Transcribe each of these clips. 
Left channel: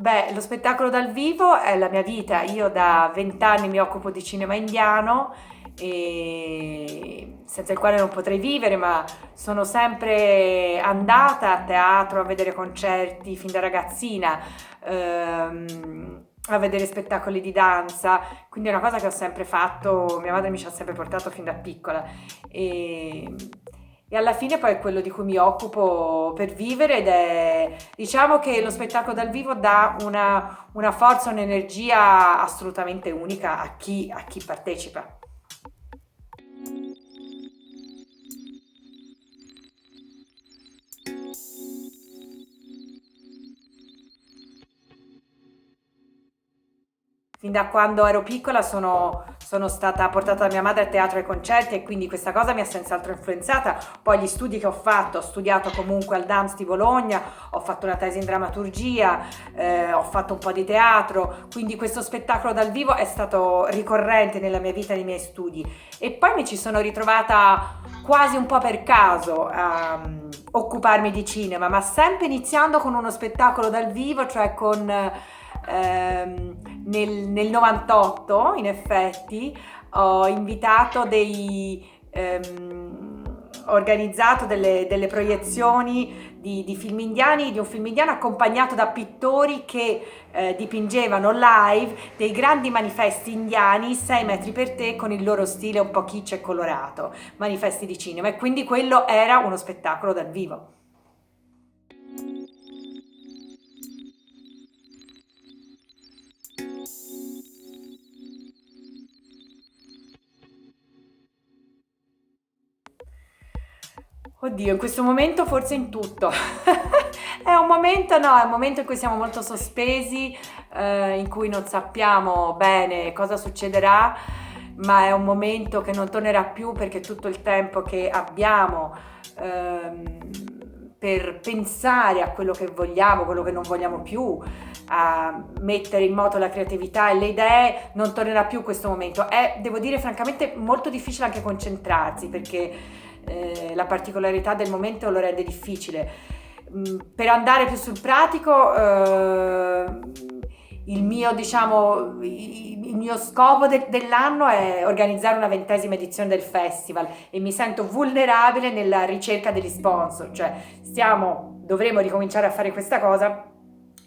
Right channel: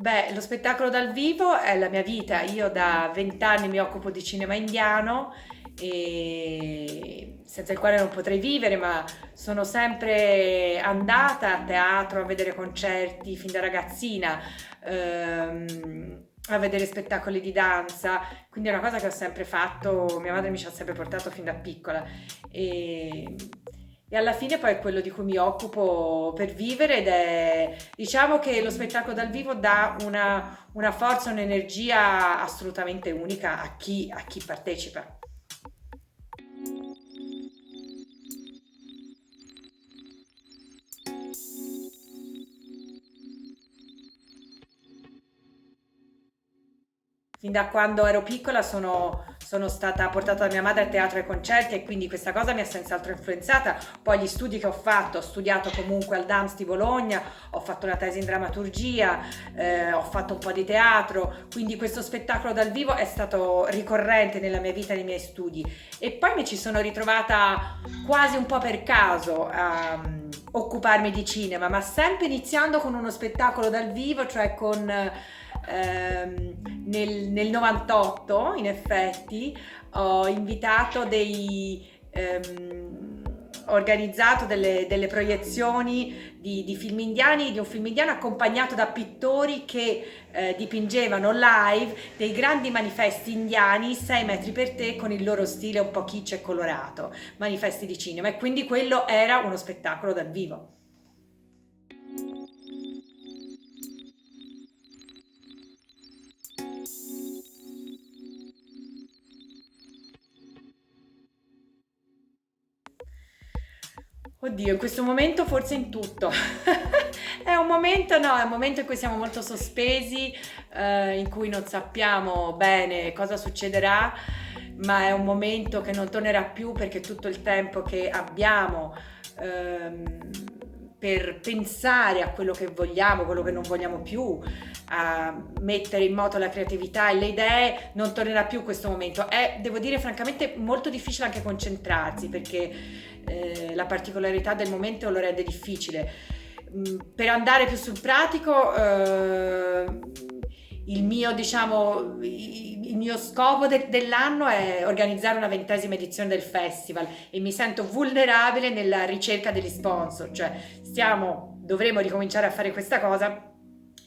Beh, lo spettacolo dal vivo è la mia vita. Io da 20 anni mi occupo di cinema indiano e senza il quale non potrei vivere, ma sono sempre andata a teatro a vedere concerti fin da ragazzina, a vedere spettacoli di danza, quindi è una cosa che ho sempre fatto, mia madre mi ci ha sempre portato fin da piccola e, e alla fine poi è quello di cui mi occupo per vivere ed è, diciamo che lo spettacolo dal vivo dà una forza, un'energia assolutamente unica a chi partecipa. Fin da quando ero piccola sono stata portata da mia madre a teatro e concerti e quindi questa cosa mi ha senz'altro influenzata. Poi gli studi che ho studiato comunque al DAMS di Bologna, ho fatto una tesi in drammaturgia, ho fatto un po' di teatro, quindi questo spettacolo dal vivo è stato ricorrente nella mia vita e nei miei studi. E poi mi ci sono ritrovata quasi un po' per caso a occuparmi di cinema, ma sempre iniziando con uno spettacolo dal vivo, cioè con nel 98 in effetti ho invitato ho organizzato delle proiezioni di film indiani, di un film indiano accompagnato da pittori che dipingevano live dei grandi manifesti indiani 6 metri per te con il loro stile un po' kitsch e colorato, manifesti di cinema e quindi quello era uno spettacolo dal vivo. Oddio, in questo momento forse in tutto. È un momento, no, è un momento in cui siamo molto sospesi, in cui non sappiamo bene cosa succederà, ma è un momento che non tornerà più perché tutto il tempo che abbiamo ehm, per pensare a quello che vogliamo, quello che non vogliamo più, a mettere in moto la creatività e le idee, non tornerà più questo momento. È, devo dire, francamente molto difficile anche concentrarsi perché la particolarità del momento lo rende difficile. Per andare più sul pratico, il mio scopo dell'anno è organizzare una 20ª edizione del festival e mi sento vulnerabile nella ricerca degli sponsor, cioè dovremo ricominciare a fare questa cosa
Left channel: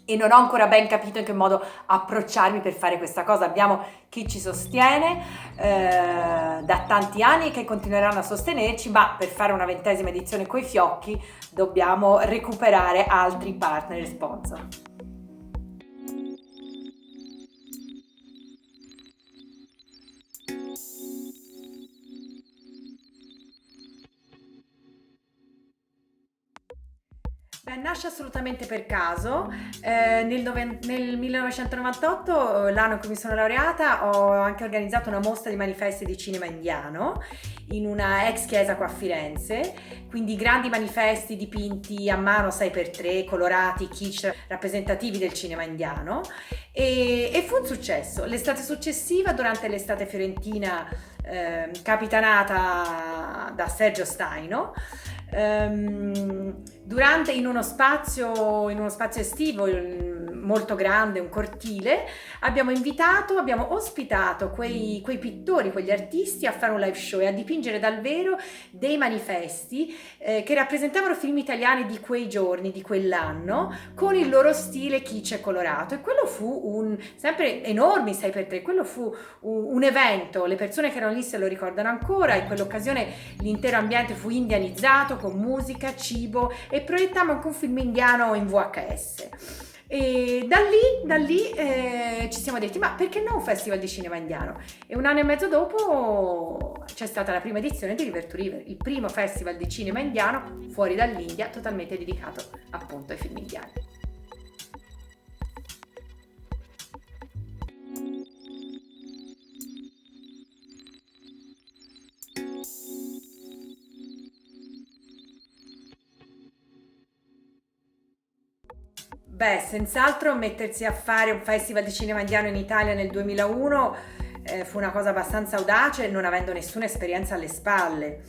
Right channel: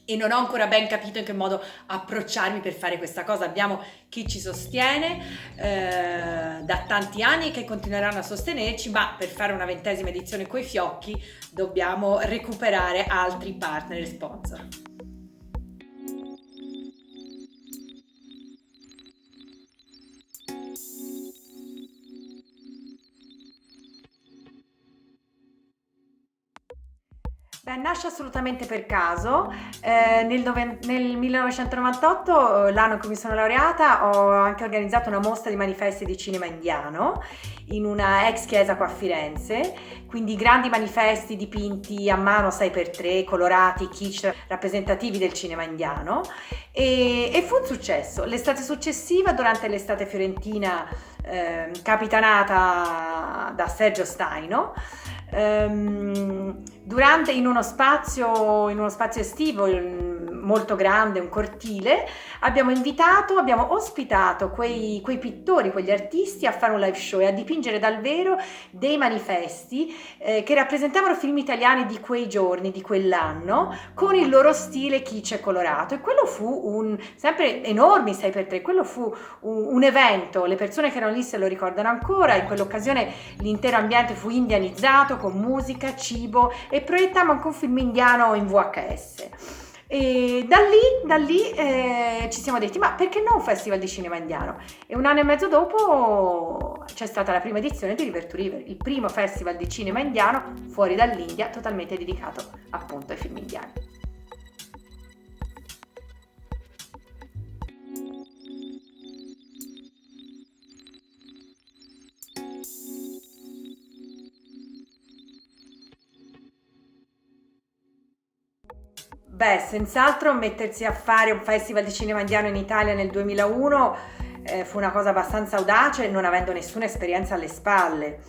e non ho ancora ben capito in che modo approcciarmi per fare questa cosa. Abbiamo chi ci sostiene da tanti anni e che continueranno a sostenerci, ma per fare una 20ª edizione coi fiocchi dobbiamo recuperare altri partner e sponsor. Beh, nasce assolutamente per caso. Nel 1998, l'anno in cui mi sono laureata, ho anche organizzato una mostra di manifesti di cinema indiano in una ex chiesa qua a Firenze, quindi grandi manifesti dipinti a mano 6x3, colorati, kitsch, rappresentativi del cinema indiano e fu un successo. L'estate successiva, durante l'estate fiorentina, capitanata da Sergio Staino, in uno spazio estivo molto grande, un cortile, abbiamo ospitato quei pittori, quegli artisti a fare un live show e a dipingere dal vero dei manifesti che rappresentavano film italiani di quei giorni, di quell'anno, con il loro stile kitsch e colorato. E quello fu sempre enormi 6x3, quello fu un evento, le persone che erano lì se lo ricordano ancora, in quell'occasione l'intero ambiente fu indianizzato con musica, cibo e proiettammo anche un film indiano in VHS. E da lì ci siamo detti, ma perché no un festival di cinema indiano? E un anno e mezzo dopo c'è stata la prima edizione di River to River, il primo festival di cinema indiano fuori dall'India, totalmente dedicato appunto ai film indiani. Beh, senz'altro mettersi a fare un festival di cinema indiano in Italia nel 2001 fu una cosa abbastanza audace, non avendo nessuna esperienza alle spalle.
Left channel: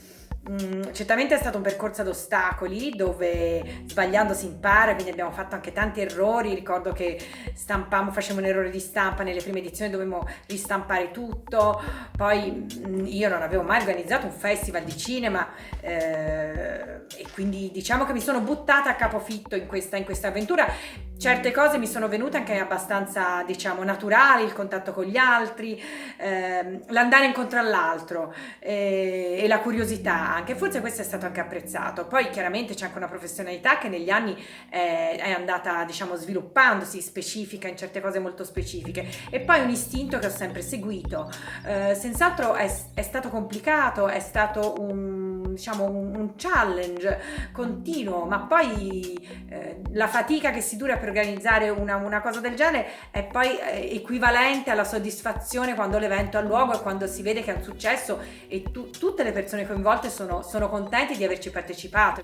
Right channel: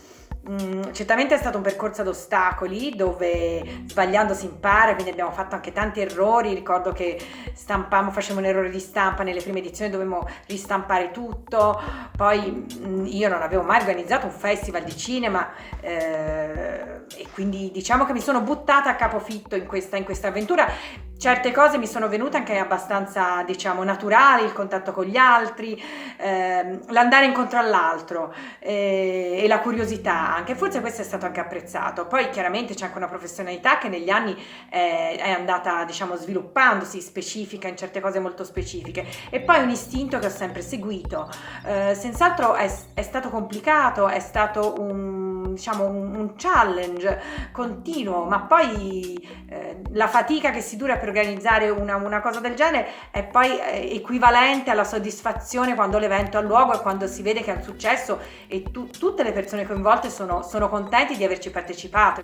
Certamente è stato un percorso ad ostacoli dove sbagliando si impara, quindi abbiamo fatto anche tanti errori. Ricordo che facevamo un errore di stampa nelle prime edizioni, dovevamo ristampare tutto. Poi io non avevo mai organizzato un festival di cinema, e quindi diciamo che mi sono buttata a capofitto in questa avventura. Certe cose mi sono venute anche abbastanza, diciamo, naturali, il contatto con gli altri, l'andare incontro all'altro, e la curiosità anche, forse questo è stato anche apprezzato. Poi chiaramente c'è anche una professionalità che negli anni è andata, diciamo, sviluppandosi, specifica in certe cose molto specifiche, e poi un istinto che ho sempre seguito. Senz'altro è stato complicato, è stato diciamo, un challenge continuo, ma poi la fatica che si dura per organizzare una cosa del genere è poi equivalente alla soddisfazione quando l'evento ha luogo e quando si vede che è un successo e tutte le persone coinvolte sono contenti di averci partecipato.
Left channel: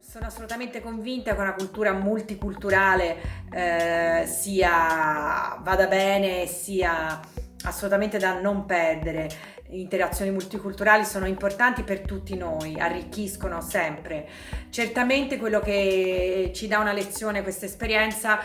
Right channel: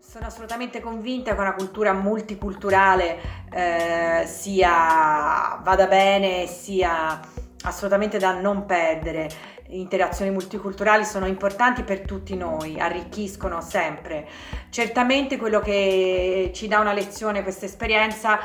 Sono assolutamente convinta che una cultura multiculturale vada bene, sia assolutamente da non perdere. Interazioni multiculturali sono importanti per tutti noi, arricchiscono sempre. Certamente quello che ci dà una lezione questa esperienza,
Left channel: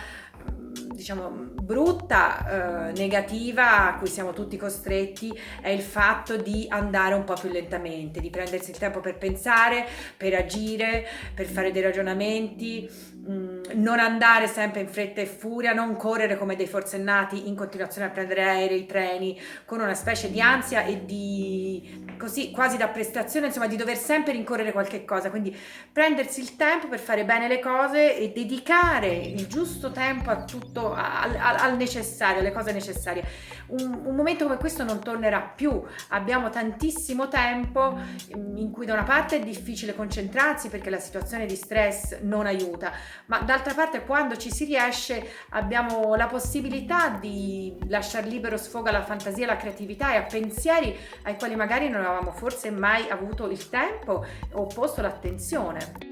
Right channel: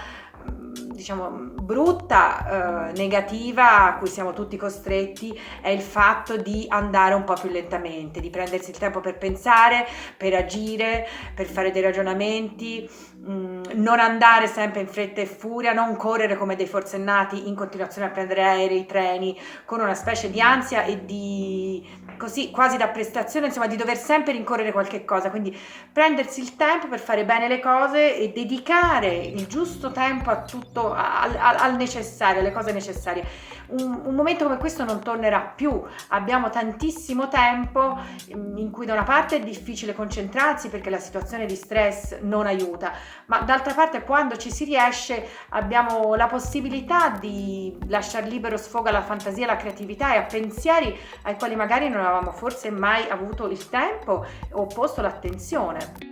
diciamo brutta, negativa, a cui siamo tutti costretti, è il fatto di andare un po' più lentamente, di prendersi il tempo per pensare, per agire, per fare dei ragionamenti, non andare sempre in fretta e furia, non correre come dei forsennati in continuazione a prendere aerei, treni, con una specie di ansia e di così quasi da prestazione, insomma, di dover sempre rincorrere qualche cosa. Quindi prendersi il tempo per fare bene le cose e dedicare il giusto tempo a tutto, al necessario, alle cose necessarie. Un momento come questo non tornerà più. Abbiamo tantissimo tempo in cui da una parte è difficile concentrarsi perché la situazione di stress non aiuta, ma d'altra parte quando ci si riesce abbiamo la possibilità di lasciar libero sfogo alla fantasia, alla creatività e a pensieri ai quali magari non avevamo forse mai avuto il tempo o posto l'attenzione.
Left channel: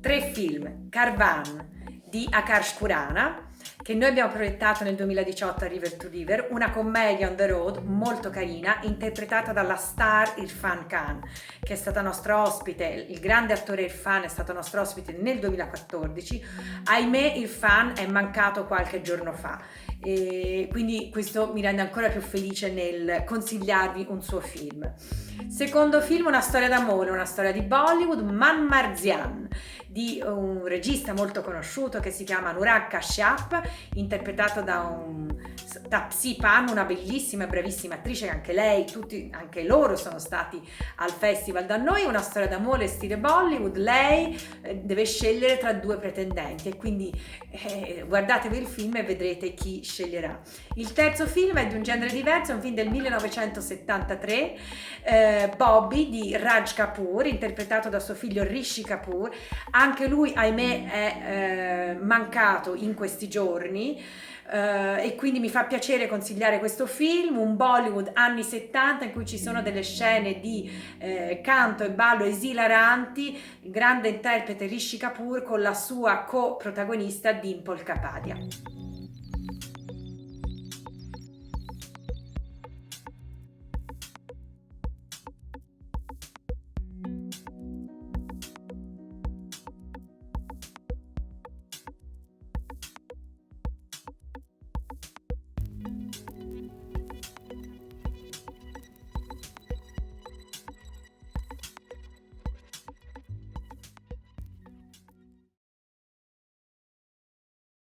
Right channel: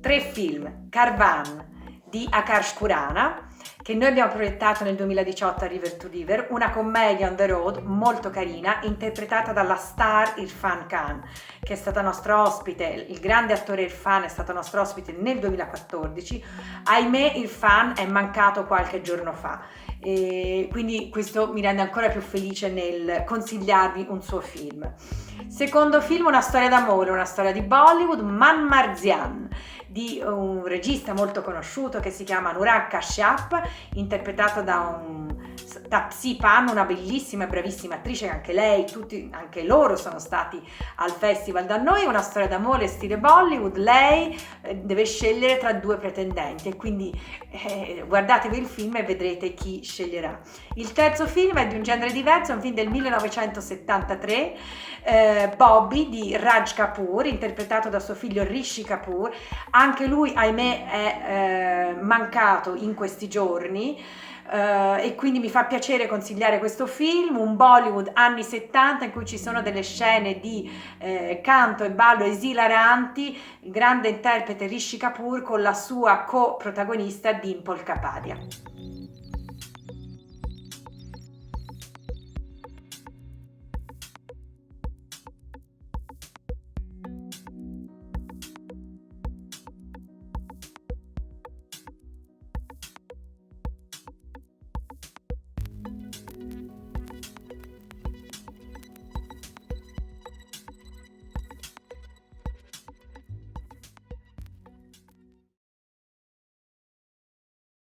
Tre film: Karvan di Akash Khurana, che noi abbiamo proiettato nel 2018 a River to River, una commedia on the road molto carina, interpretata dalla star Irfan Khan, che è stata nostra ospite. Il grande attore Irfan è stato nostro ospite nel 2014. Ahimè, Irfan è mancato qualche giorno fa, e quindi questo mi rende ancora più felice nel consigliarvi un suo film. Secondo film, una storia d'amore, una storia di Bollywood, Man Marzian, di un regista molto conosciuto che si chiama Anurag Kashyap, interpretato da Psi Pan, una bellissima e bravissima attrice, che anche lei, anche loro sono stati al festival da noi. Una storia d'amore stile Bollywood. Lei deve scegliere tra due pretendenti e quindi guardatevi il film e vedrete chi sceglierà. Il terzo film è di un genere diverso, è un film del 1973, Bobby di Raj Kapoor, interpretato da suo figlio Rishi Kapoor. Anche lui, ahimè, è mancato in questi giorni, e quindi mi fa piacere consigliare questo film, un Bollywood anni 70 in cui ci sono delle scene di canto e ballo esilaranti, grande interprete Rishi Kapoor con la sua co-protagonista Dimple Kapadia.